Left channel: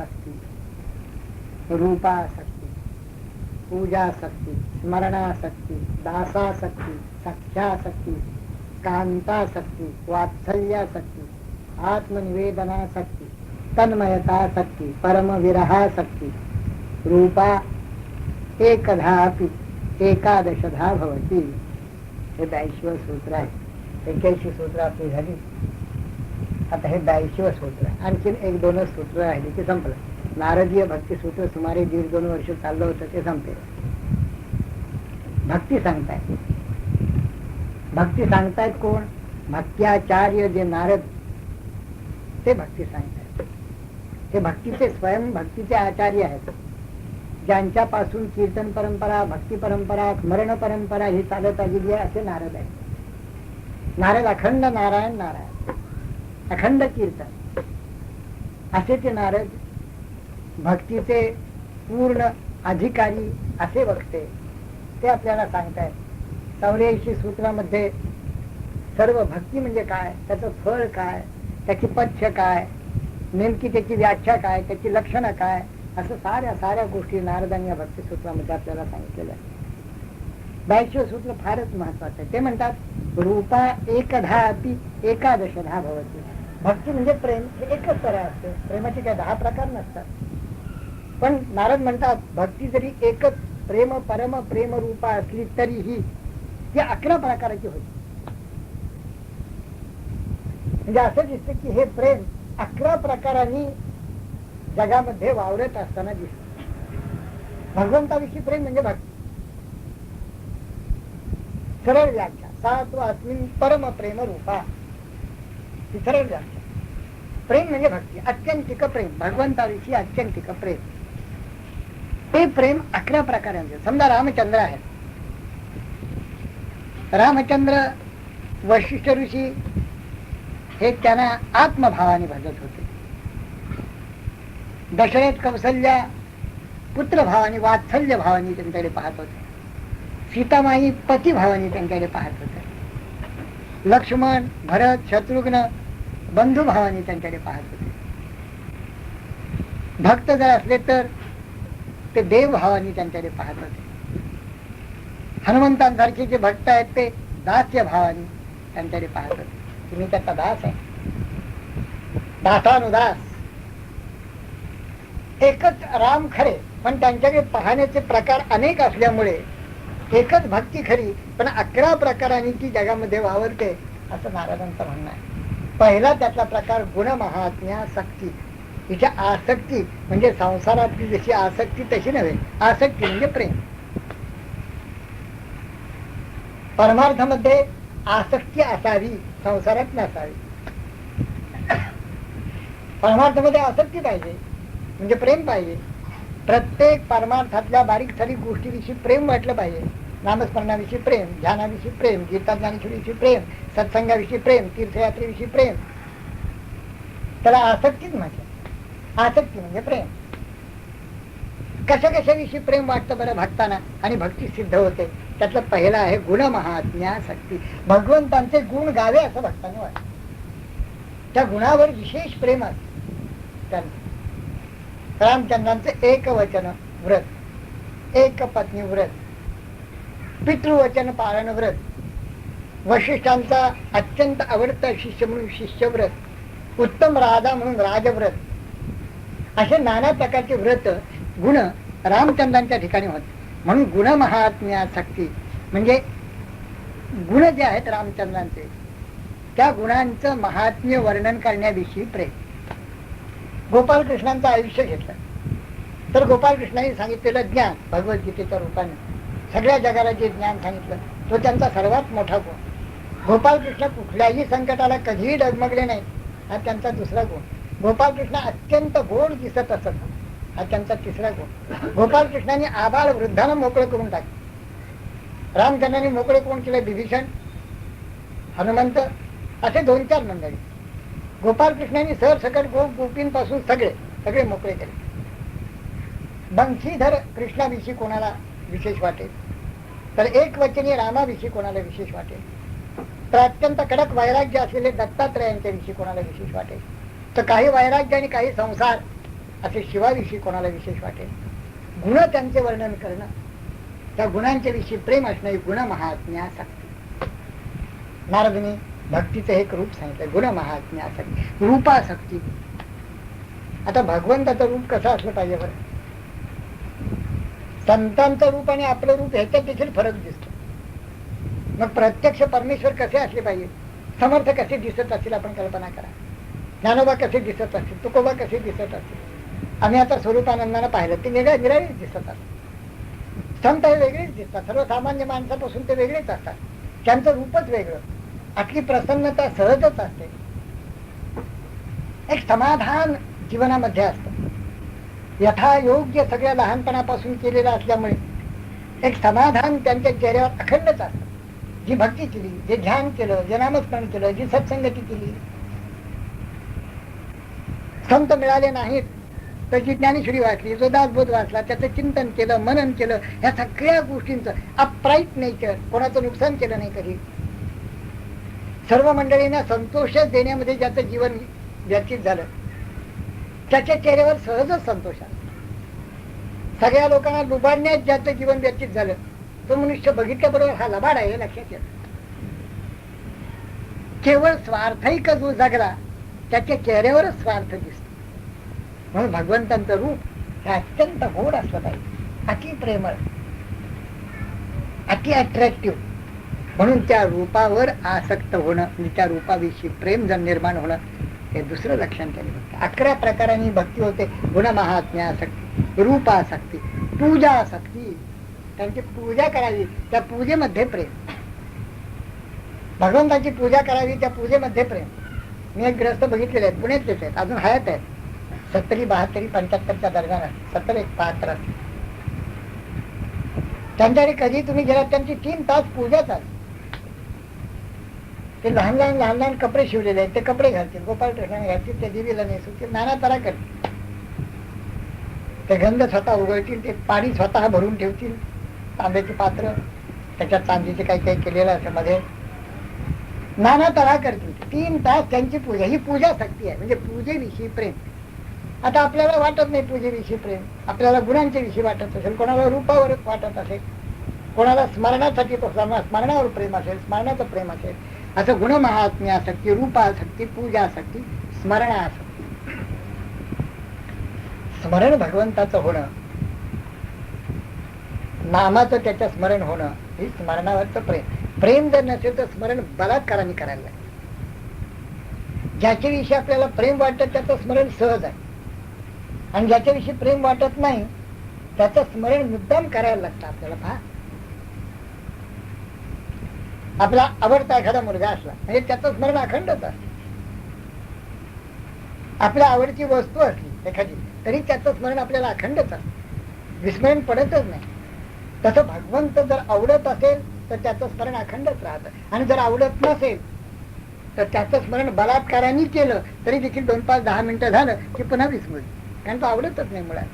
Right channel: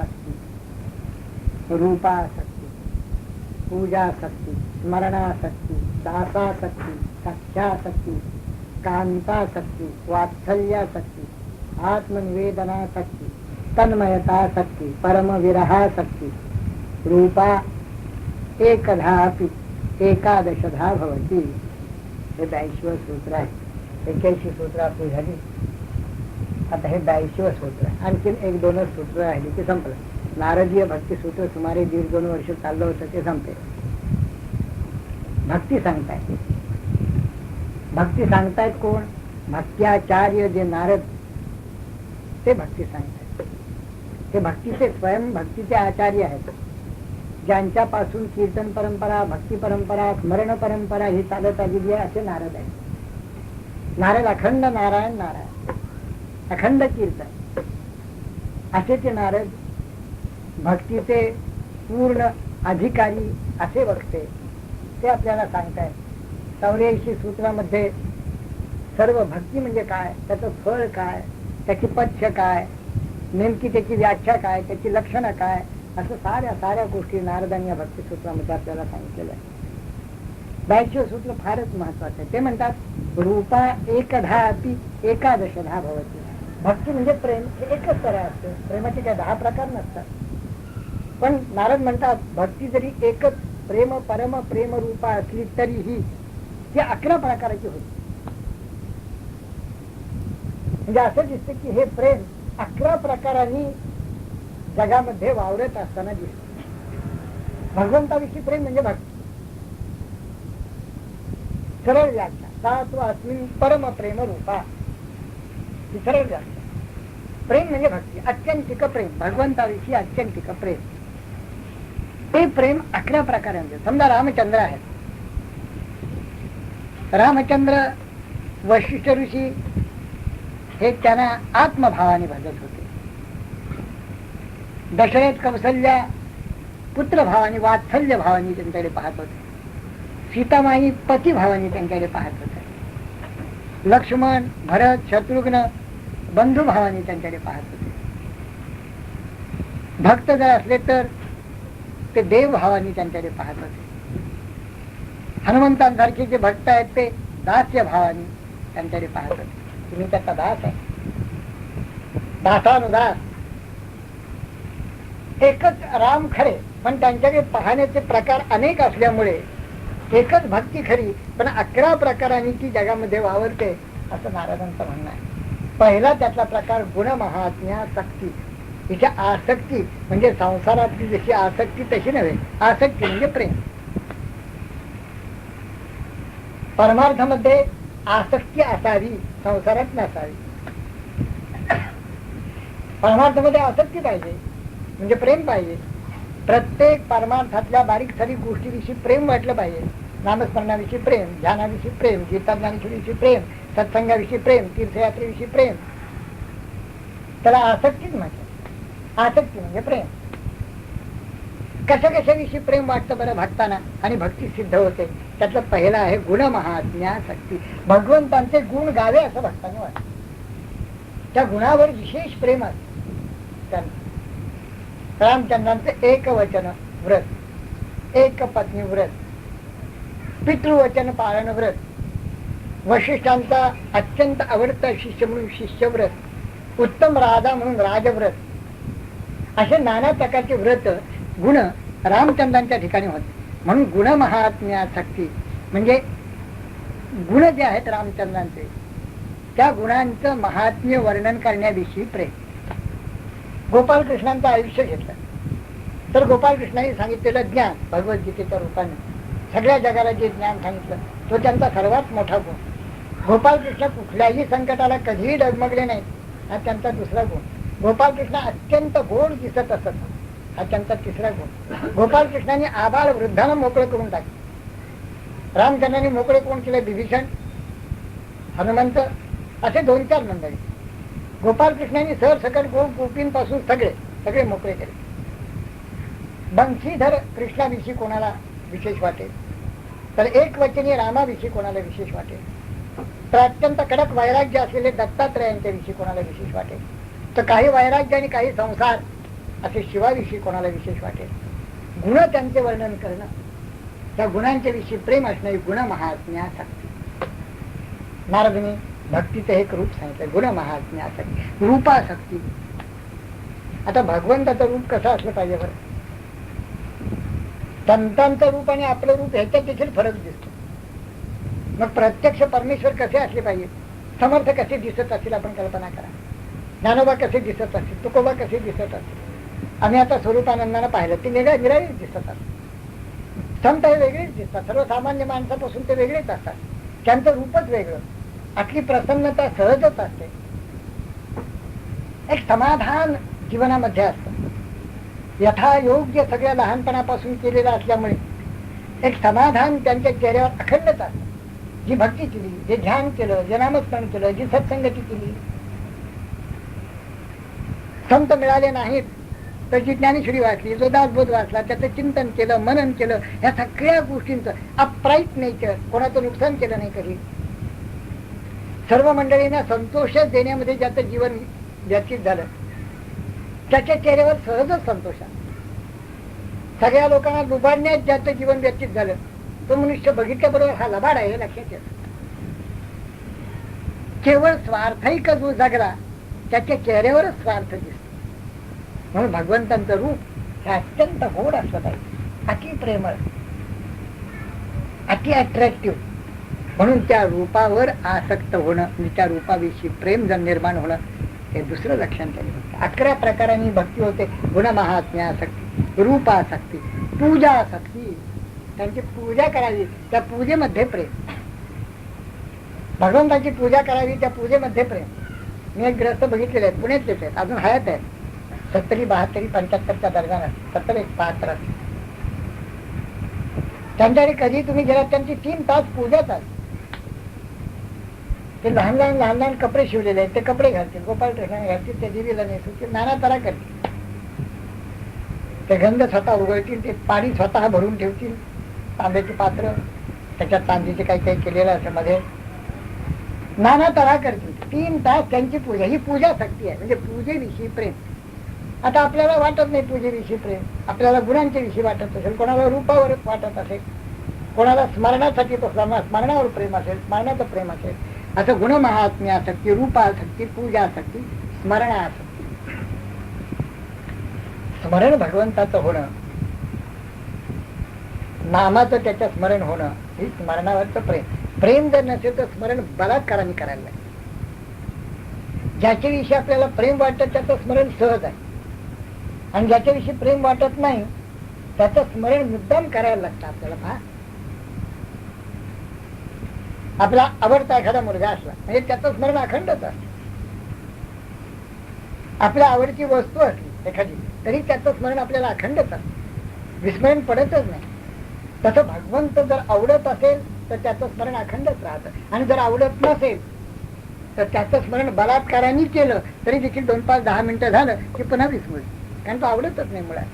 शक्ति, रूपाशक्ति, पूजाशक्ति, स्मरणाशक्ति, दासाशक्ति, सख्याशक्ति, कांताशक्ति, वात्सल्याशक्ति, आत्मनिवेदनाशक्ति, तन्मयताशक्ति, परम विरहाशक्ति, रूपा एकधापि एकादशधा भवती. हे 82 सूत्र आहे. 81 सूत्र आपली झाली. आता हे 82 सूत्र आहे. आणखी 1-2 सूत्र राहिली की संपलं. नारदीय भक्ती सूत्र सुमारे 1.5-2 वर्ष चाललं होतं ते संपले. भक्ती सांगतायत. भक्ती सांगतायत कोण? भक्त्याचार्य जे नारद ते भक्ती सांगतायत. ते भक्तीचे स्वयं भक्तीचे आचार्य आहेत. ज्यांच्यापासून कीर्तन परंपरा, भक्ती परंपरा, स्मरण परंपरा ही चालत आलेली आहे असे नारद आहेत. नारद अखंड नारायण नारायण, अखंड कीर्तन असे ते नारद भक्तीचे पूर्ण अधिकारी असे वक्ते ते आपल्याला सांगतायत. 84 सूत्रामध्ये सर्व भक्ती म्हणजे काय, त्याचं फळ काय, त्याची पथ्य काय, नेमकी त्याची व्याख्या काय, त्याची लक्षणं काय, असं साऱ्या गोष्टी नारदांनी या भक्ती सूत्रामध्ये आपल्याला सांगितलेलं आहे. 82 सूत्र फारच महत्वाचं आहे. ते म्हणतात रूपा एकधा अपि एकादशधा भवती. भक्ती म्हणजे प्रेम हे एकच तऱ्हा असते. प्रेमाचे काय 10 प्रकार नसतात. पण नारद म्हणतात भक्ती जरी एकच प्रेम परम प्रेम रूपा असली तरीही ती 11 प्रकाराची होती. म्हणजे असं दिसतं की हे प्रेम 11 प्रकारांनी जगामध्ये वावरत असताना दिसत. भगवंताविषयी प्रेम म्हणजे भक्ती. सरळ व्याख्या सात्वास्मिन् परम प्रेम रूपा, ही सरळ व्याख्या. प्रेम म्हणजे भक्ती, अत्यंतिक प्रेम, भगवंताविषयी अत्यंतिक प्रेम. ते प्रेम 11 प्रकारांचे. समजा रामचंद्र आहेत. रामचंद्र वशिष्ठ ऋषी हे त्यांना आत्मभावाने भजत होते. दशरथ कौसल्या पुत्रभावाने वात्सल्य भावाने त्यांच्याकडे पाहत होते. सीतामाई पतिभावाने त्यांच्याकडे पाहत होते. लक्ष्मण भरत शत्रुघ्न बंधुभावाने त्यांच्याकडे पाहत होते. भक्त जर असले तर ते देवभावाने त्यांच्याकडे पाहत होते. हनुमंतांसारखे जे भक्त आहेत ते दास्य भावाने त्यांच्याकडे पाहत होते. तुम्ही त्याचा दास आहे, दासानुदास. एकच राम खरे, पण त्यांच्याकडे पाहण्याचे प्रकार अनेक असल्यामुळे एकच भक्ती खरी, पण 11 प्रकारांनी ती जगामध्ये वावरते असं महाराजांचं म्हणणं आहे. पहिला त्यातला प्रकार गुणमहात्म्यासक्ती. हिच्या आसक्ती म्हणजे संसारातली जशी आसक्ती तशी नव्हे. आसक्ती म्हणजे प्रेम. परमार्थामध्ये आसक्ती असावी, संसारात नसावी. परमार्थामध्ये आसक्ती पाहिजे म्हणजे प्रेम पाहिजे. प्रत्येक परमार्थातल्या बारीक सारीक गोष्टीविषयी प्रेम वाटलं पाहिजे. नामस्मरणाविषयी प्रेम, ध्यानाविषयी प्रेम, गीताज्ञानेश्वरीविषयी प्रेम, सत्संगाविषयी प्रेम, तीर्थयात्रेविषयी प्रेम. त्याला आसक्तीच म्हटलं. आसक्ती म्हणजे प्रेम. कशाविषयी प्रेम वाटतं बरं भक्तांना आणि भक्ती सिद्ध होते. त्यातलं पहिलं आहे गुणमहात्म्यासक्ती. भगवंतांचे गुण गावे असं भक्तांना वाटतं. त्या गुणावर विशेष प्रेम असतं. रामचंद्रांचं एकवचन व्रत, एक पत्नी व्रत, पितृवचन पालन व्रत, वशिष्ठांचा अत्यंत आवडता शिष्य म्हणून शिष्यव्रत, उत्तम राजा म्हणून राजव्रत, असे नाना प्रकारचे व्रत गुण रामचंद्रांच्या ठिकाणी होते. म्हणून गुणमहात्म्यासक्ती म्हणजे गुण जे आहेत रामचंद्रांचे त्या गुणांचं महात्म्य वर्णन करण्याविषयी प्रेम. गोपालकृष्णांचं आयुष्य घेतलं तर गोपालकृष्णांनी सांगितलेलं ज्ञान भगवद्गीतेच्या रूपाने सगळ्या जगाला जे ज्ञान सांगितलं तो त्यांचा सर्वात मोठा गुण. गोपालकृष्ण कुठल्याही संकटाला कधीही डगमगले नाही, हा त्यांचा दुसरा गुण. गोपालकृष्ण अत्यंत गोड दिसत असत, हा त्यांचा तिसरा गुण. गोपालकृष्णांनी आबाळ वृद्धांना मोकळे करून टाकले. रामचंद्रांनी मोकळे कोण केले? विभीषण, हनुमंत, असे 2-4 मंडळी. गोपालकृष्णांनी सरसकट गोपींपासून सगळे मोकळे केले. बंशीधर कृष्णाविषयी कोणाला विशेष वाटेल तर एकवचनी रामाविषयी कोणाला विशेष वाटेल, तर अत्यंत कडक वैराग्य असलेले दत्तात्रयांच्या विषयी कोणाला विशेष वाटेल, तर काही वैराग्य आणि काही संसार असे शिवाविषयी कोणाला विशेष वाटेल. गुण त्यांचे वर्णन करणं, त्या गुणांच्या विषयी प्रेम असणं, गुण महात्म्यासाठी. नारदने भक्तीचं एक रूप सांगितलं, गुण महात्म्यासाठी, रूपासक्ती. आता भगवंताचं रूप कसं असलं पाहिजे बरं? संतांचं रूप आणि आपलं रूप ह्याच्यात देखील फरक दिसतो. मग प्रत्यक्ष परमेश्वर कसे असले पाहिजे, समर्थ कसे दिसत असतील आपण कल्पना करा. ज्ञानोबा कसे दिसत असतील, तुकोबा कसे दिसत असतील. आम्ही आता स्वरूपानंदाला पाहिलं, ते वेगळेच दिसत असतात. संत हे वेगळेच दिसतात, सर्वसामान्य माणसापासून ते वेगळेच असतात. त्यांचं रूपच वेगळं. आपली प्रसन्नता सहजच असते. एक समाधान जीवनामध्ये असतं. यथायोग्य सगळ्या लहानपणापासून केलेलं असल्यामुळे एक समाधान त्यांच्या चेहऱ्यावर अखंडच असतं. जी भक्ती केली, जे ध्यान केलं, जे नामस्मरण केलं, जी सत्संगती केली. संत मिळाले नाहीत तर जी ज्ञानेश्वरी वाचली, जो दासबोध वाचला, त्याचं चिंतन केलं, मनन केलं, ह्या सगळ्या गोष्टींचं अपराईट नेचर, कोणाचं नुकसान केलं नाही कधी. सर्व मंडळींना संतोष देण्यामध्ये ज्याचं जीवन व्यतीत झालं, त्याच्या चेहऱ्यावर सहजच संतोष आहे. सगळ्या लोकांना लुबाडण्यात ज्याचं जीवन व्यतीत झालं, तो मनुष्य बघितल्याबरोबर हा लबाड आहे हे लक्षात येतं. केवळ स्वार्थैक जो जगला, त्याच्या चेहऱ्यावरच स्वार्थ दिसतो. म्हणून भगवंतांचं रूप हे अत्यंत गोड असलं पाहिजे, अति प्रेमळ, अति अट्रॅक्टिव्ह. म्हणून त्या रूपावर आसक्त होणं, त्या रूपाविषयी प्रेम जर निर्माण होणं, हे दुसरं लक्षण त्यांनी होतं. 11 प्रकारांनी भक्ती होते. गुण महात्म्यासक्ती, रूपासक्ती, पूजासक्ती. त्यांची पूजा करावी, त्या पूजेमध्ये प्रेम. भगवंताची पूजा करावी, त्या पूजेमध्ये प्रेम. मी एक ग्रस्त बघितलेले आहेत, पुण्यातलेच आहेत, अजून हयात आहेत. 70, 72, 75च्या दरम्यान, 70 एक 75. त्यांच्याकडे कधी तुम्ही गेलात, त्यांची 3 तास पूजा चालते. ते लहान लहान कपडे शिवलेले आहेत, ते कपडे घालतील, गोपाळ कृष्णाने घालतील, ते देवीला नेसतील, नाना तरा करतील. ते गंध स्वतः उघडतील, ते पाणी स्वतः भरून ठेवतील, तांब्याची पात्र, त्याच्यात चांदीचे काही काही केलेलं असं मध्ये, नाना तरा करतील. 3 तास त्यांची पूजा. ही पूजा शक्ती आहे, म्हणजे पूजेविषयी प्रेम. आता आपल्याला वाटत नाही पूजेविषयी प्रेम, आपल्याला गुणांच्या विषयी वाटत असेल, कोणाला रूपावरच वाटत असेल, कोणाला स्मरणासाठी तो स्मरणावर प्रेम असेल, स्मरणाचं प्रेम असेल. असं गुण महात्म्यासक्ती, रूपासक्ती, पूजासक्ती, स्मरणासक्ती. स्मरण भगवंताचं होणं, नामाचं त्याचं स्मरण होणं, हे स्मरणावरचं प्रेम. प्रेम जर नसेल तर स्मरण बलात्काराने करायला लागेल. ज्याच्याविषयी आपल्याला प्रेम वाटतं त्याचं स्मरण सहज आहे, आणि ज्याच्याविषयी प्रेम वाटत नाही त्याचं स्मरण मुद्दाम करायला लागतं आपल्याला. पहा, आपला आवडता एखादा मुलगा असला म्हणजे त्याचं स्मरण अखंडच असतं. आपल्या आवडची वस्तू असली एखादी तरी त्याचं स्मरण आपल्याला अखंडच असतं, विस्मरण पडतच नाही. तसं भगवंत जर आवडत असेल तर त्याचं स्मरण अखंडच राहतं, आणि जर आवडत नसेल तर त्याचं स्मरण बलात्काराने केलं तरी देखील 2, 5, 10 मिनिटं झालं की पुन्हा विस्मृत, कारण तो आवडतच नाही मुळात.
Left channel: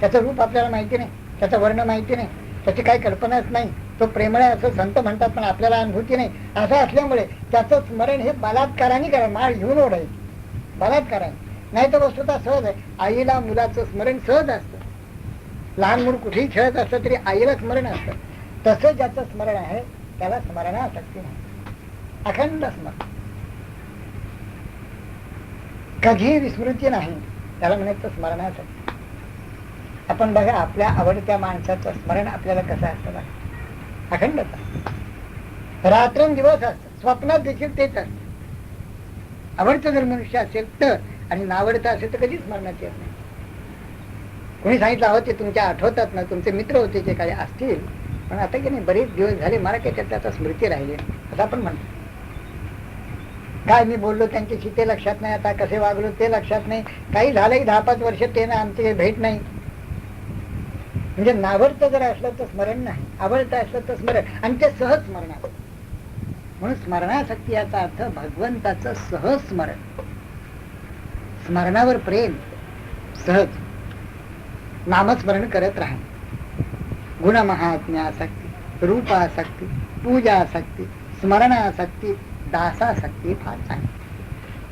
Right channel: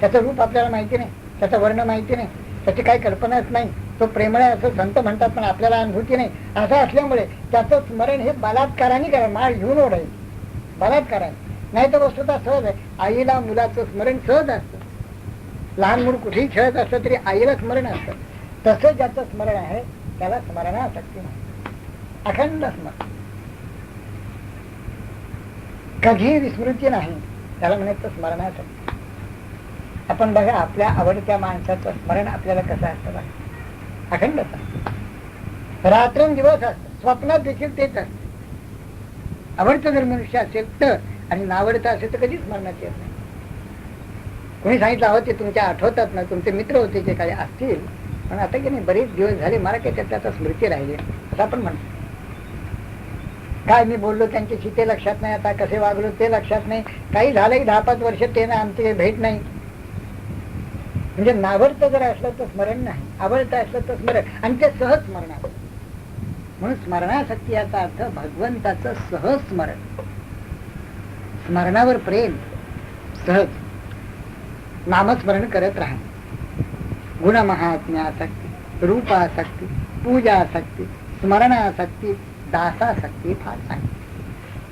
त्याचं रूप आपल्याला माहिती नाही, त्याचं वर्ण माहिती नाही, त्याची काही कल्पनाच नाही. तो प्रेमळ आहे असं संत म्हणतात, पण आपल्याला अनुभूती नाही. असं असल्यामुळे त्याचं स्मरण हे बलात्काराने करायचं, माळ घेऊन ओढायचं बलात्काराने. नाही तर वस्तुतः सहज आहे. आईला मुलाचं स्मरण सहज असतं. लहान मूल कुठेही खेळत असतं तरी आईला स्मरण असतं. तसं ज्याचं स्मरण आहे त्याला स्मरणासक्ती नाही, अखंड स्मरण, कधी विस्मृती नाही, त्याला म्हणायचं स्मरणासक्ती. आपण बघा, आपल्या आवडत्या माणसाचं स्मरण आपल्याला कसं असतं बघा, अखंडच असतं, रात्रंदिवस असतं, स्वप्नात देखील तेच असतं. आवडतं जर मनुष्य असेल तर, आणि नावडतं असेल तर कधीच स्मरणात येत नाही. कोणी सांगितलं अहो ते तुमच्या आठवतात ना, तुमचे मित्र होते जे काही असतील, पण आता की नाही बरेच दिवस झाले मला काही त्याचा स्मृती राहिली असं आपण म्हणतो. काय मी बोललो त्यांच्याशी ते लक्षात नाही, आता कसे वागलो ते लक्षात नाही, काही झालंही 10-5 वर्ष ते ना आमची भेट नाही. म्हणजे नावडतं जर असलं तर स्मरण नाही, आवडतं असलं तर स्मरण, आणि ते सहज स्मरण आहे. म्हणून स्मरणासक्ती याचा अर्थ भगवंताचं सहज स्मरण, स्मरणावर प्रेम, सहज नामस्मरण करत राहा. गुण महात्म्यासक्ती, रूपासक्ती, पूजासक्ती, स्मरणासक्ती, दासासक्ती फार चांगली.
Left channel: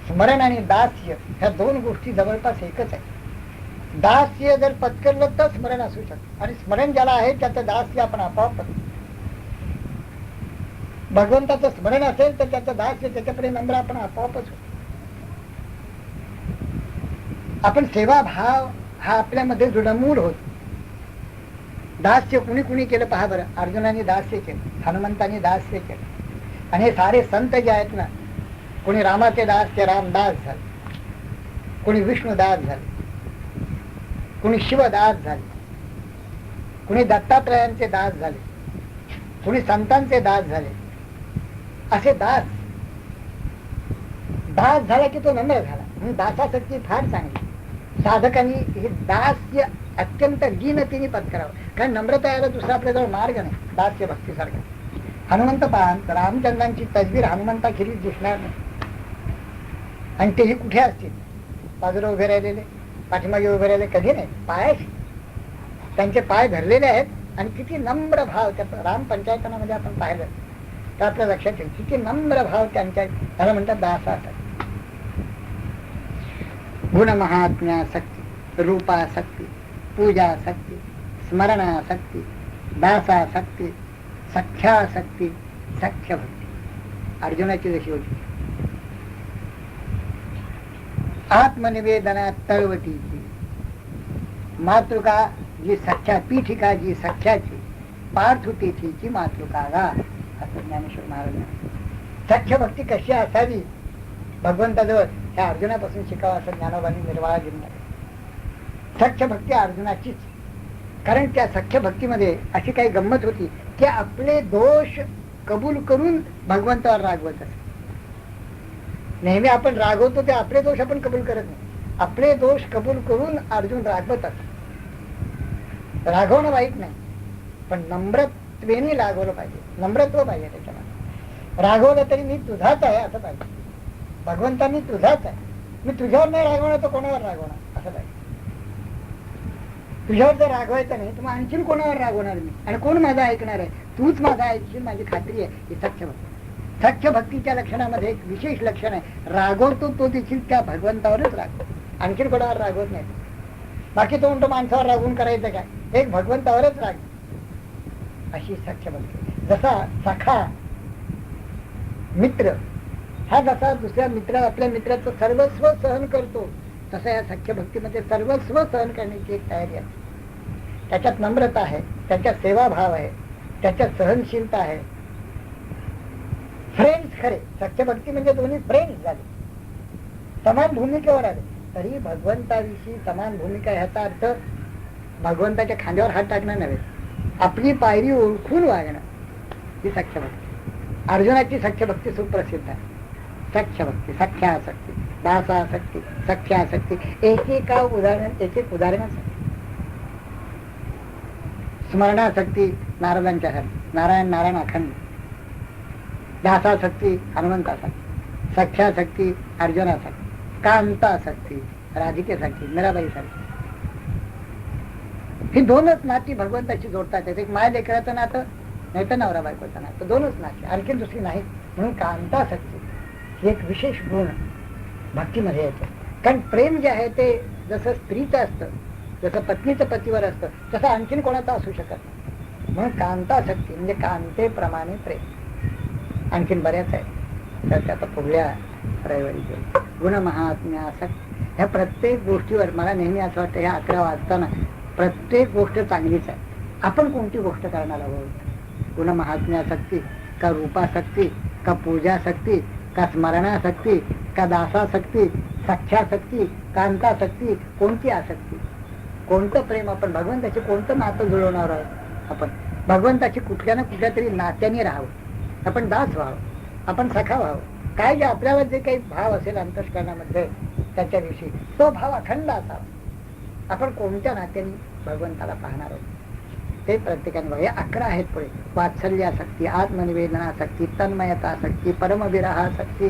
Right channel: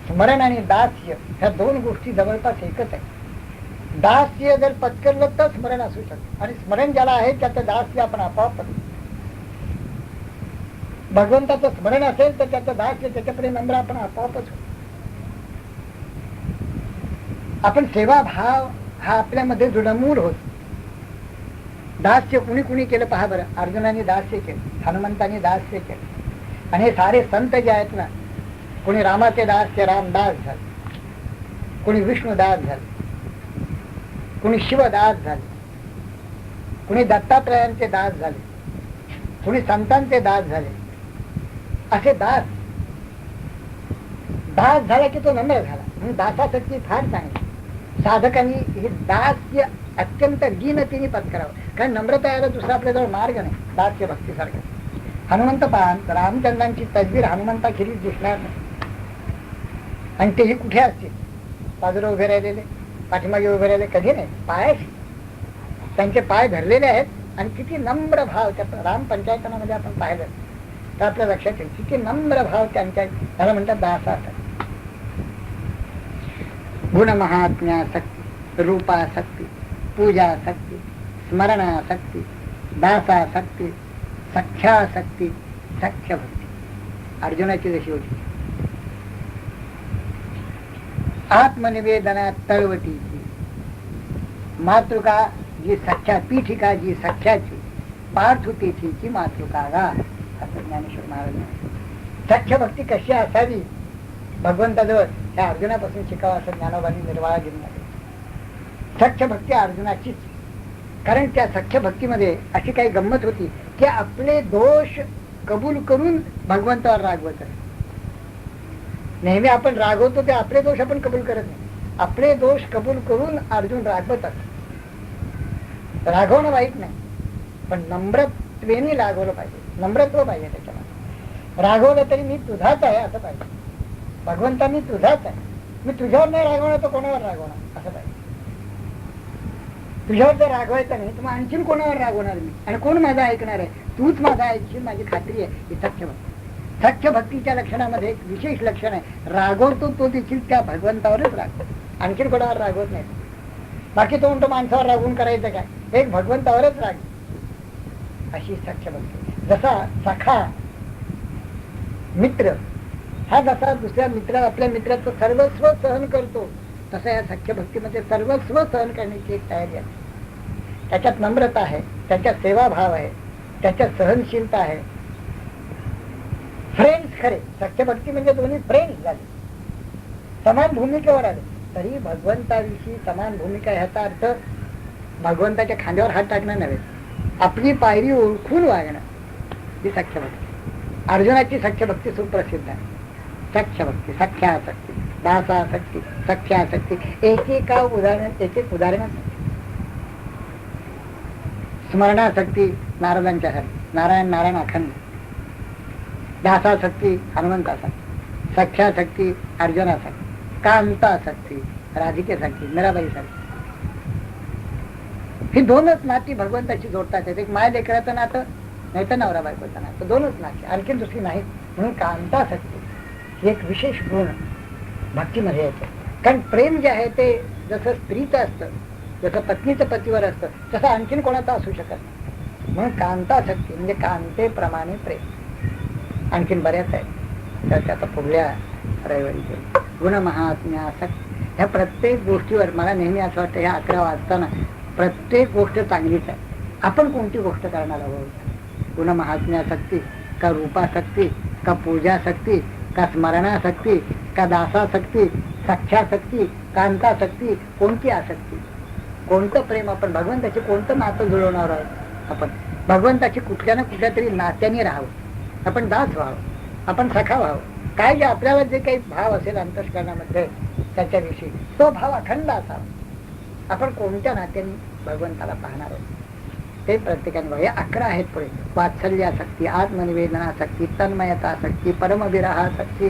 स्मरण आणि दास्य ह्या 2 गोष्टी जवळपास एकच आहे. दास्य जर पत्करलं तर स्मरण असू शकतं, आणि स्मरण ज्याला आहे त्याचं दास्य आपण आपोआप. भगवंताचं स्मरण असेल तर त्याचं दास्य, त्याच्याकडे नम्र आपण आपोआपच होतो. आपण सेवा भाव हा आपल्यामध्ये दृढमूळ होतो. दास्य कुणी कुणी केलं पहा बरं. अर्जुनाने दास्य केलं, हनुमंताने दास्य केलं, आणि हे सारे संत जे आहेत ना, कोणी रामाचे दास ते रामदास झाले, कोणी विष्णुदास झाले, कोणी शिवदास झाले, कोणी दत्तात्रयांचे दास झाले, कोणी संतांचे दास झाले. असे दास झाला की तो नम्र झाला. म्हणून दासासाठी फार चांगली. साधकांनी हे दास्य अत्यंत दीनतेने पत्करावं, कारण नम्रता यायला दुसरा आपल्याजवळ मार्ग नाही. दास्य भक्तीसारखं हनुमंत पान रामचंद्रांची तस्वीर हनुमंताखेरीज दिसणार नाही, आणि तेही कुठे असतील? बाजूला उभे राहिलेले, पाठीमागे उभे राहिले, कधी नाही. पायाशी त्यांचे पाय धरलेले आहेत, आणि किती नम्र भाव त्या राम पंचायतनामध्ये आपण पाहिलं तर आपल्या लक्षात येईल किती नम्र भाव त्यांच्या. त्याला म्हणतात दासासाठी. गुणमहात्म्यासक्ती, रूपासक्ती, पूजासक्ती, स्मरणासक्ती, दासासक्ती, सख्यासक्ती, सख्य भक्ती. अर्जुनाची जशी होती. आत्मनिवेदना तळवटीची मातृका जी सख्या, पीठिका जी सख्याची, पार्थुतिथीची मातृका गा, असं ज्ञानेश्वर महाराज. सख्य भक्ती कशी असावी भगवंताजवळ, ह्या अर्जुनापासून शिकावं असं ज्ञानोबांनी निर्वाळा दिला. सख्य भक्ती अर्जुनाचीच, कारण त्या सख्य भक्तीमध्ये अशी काही गंमत होती की आपले दोष कबूल करून भगवंतावर रागवत असत. नेहमी आपण रागवतो ते आपले दोष आपण कबूल करत नाही, आपले दोष कबूल करून अर्जुन रागवत असत. रागवणं वाईट नाही, पण नम्रत्वेने रागवलं पाहिजे, नम्रत्व पाहिजे त्याच्याला. रागवलं तरी मी तुझाच आहे असं पाहिजे. भगवंता मी तुझाच आहे, मी तुझ्यावर नाही रागवणार तर कोणावर रागवणार असं पाहिजे. तुझ्यावर जर रागवायचं नाही तर मग आणखीन कोणावर रागवणार मी, आणि कोण माझं ऐकणार आहे? तूच माझा ऐकशील, माझी खात्री आहे. ही सख्य भक्ती. सख्य भक्तीच्या लक्षणामध्ये एक विशेष लक्षण आहे, रागवतो तो देखील त्या भगवंतावरच रागतो, आणखीन कोणावर रागवत नाही. बाकी तो म्हणतो माणसावर रागवून करायचं काय, एक भगवंतावरच राग, अशी सख्य भक्ती. जसा सखा मित्र हा जसा दुसऱ्या मित्र आपल्या मित्राचं सर्वस्व सहन करतो, तसं या सख्य भक्तीमध्ये सर्वस्व सहन करण्याची एक तयारी आहे. त्याच्यात नम्रता आहे, त्याच्यात सेवाभाव आहे, त्याच्यात सहनशीलता आहे. फ्रेंड्स खरे, सख्य भक्ती म्हणजे दोन्ही फ्रेंड्स झाले, समान भूमिकेवर आले. तरी भगवंताविषयी समान भूमिका ह्याचा अर्थ भगवंताच्या खांद्यावर हात टाकणं नव्हे, आपली पायरी ओळखून वागणं, ही सख्य भक्ती. अर्जुनाची सख्य भक्ती सुप्रसिद्ध आहे. सख्य भक्ती, सख्यासक्ती, दासासक्ती, सख्यासक्ती, एक एक उदाहरण. स्मरणासक्ती नारदांच्या नारायण नारायण अखंड. दासासक्ती हनुमंतासाठी, सख्यासक्ती अर्जुनासाठी, कांतासक्ती राधिकेसाठी, मीराबाईसाठी. ही दोनच नाती भगवंताची जोडतात. एक माय लेकराचं नातं, नाही तर नवरा बायकोचं नातं, दोनच नाती, आणखी दुसरी नाही. म्हणून कांतासक्ती ही एक विशेष गुण भक्तीमध्ये येतो. कारण प्रेम जे आहे ते जसं स्त्रीचं असतं, जसं पत्नीचं पतीवर असतं, तसं आणखीन कोणाचं असू शकत नाही. म्हणून कांतासक्ती म्हणजे कांतेप्रमाणे प्रेम. आणखीन बऱ्याच आहे, तर त्याचा पुढल्या रविवारी घेऊ. गुणमहात्म्यासक्ती, ह्या प्रत्येक गोष्टीवर मला नेहमी असं वाटतं, ह्या 11 वाजताना प्रत्येक गोष्ट चांगलीच आहे. आपण कोणती गोष्ट करणार आहोत? गुणमहात्म्यासक्ती का रूपासक्ती का पूजासक्ती का स्मरणासक्ती का दासासक्ती, सख्यासक्ती, कांतासक्ती, कोणती आसक्ती? कोणतं प्रेम आपण भगवंताची, कोणतं नातं जुळवणार आहोत? आपण भगवंताची कुठल्या ना कुठल्या तरी नात्याने राहावं, आपण दास व्हावं, आपण सखा व्हावं. काय जे आपल्याला जे काही भाव असेल अंतःकरणामध्ये त्याच्याविषयी, तो भाव अखंड असावा. आपण कोणत्या नात्याने भगवंताला पाहणार आहे ते प्रत्येकाने बघा. 11 आहेत पुढे. वात्सल्यासक्ती, आत्मनिवेदनासक्ती, तन्मयतासक्ती, परमविरहासक्ती,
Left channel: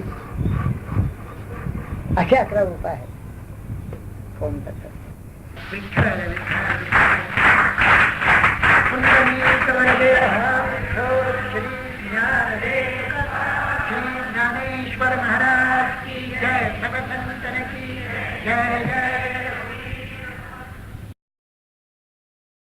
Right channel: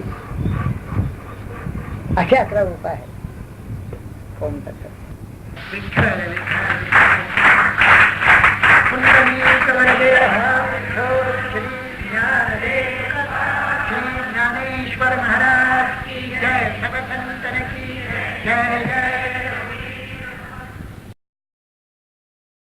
असे 11 रूप आहेत. कोणतं ज्ञानेश्वर महाराज की जय, सबसंतन की जय जय.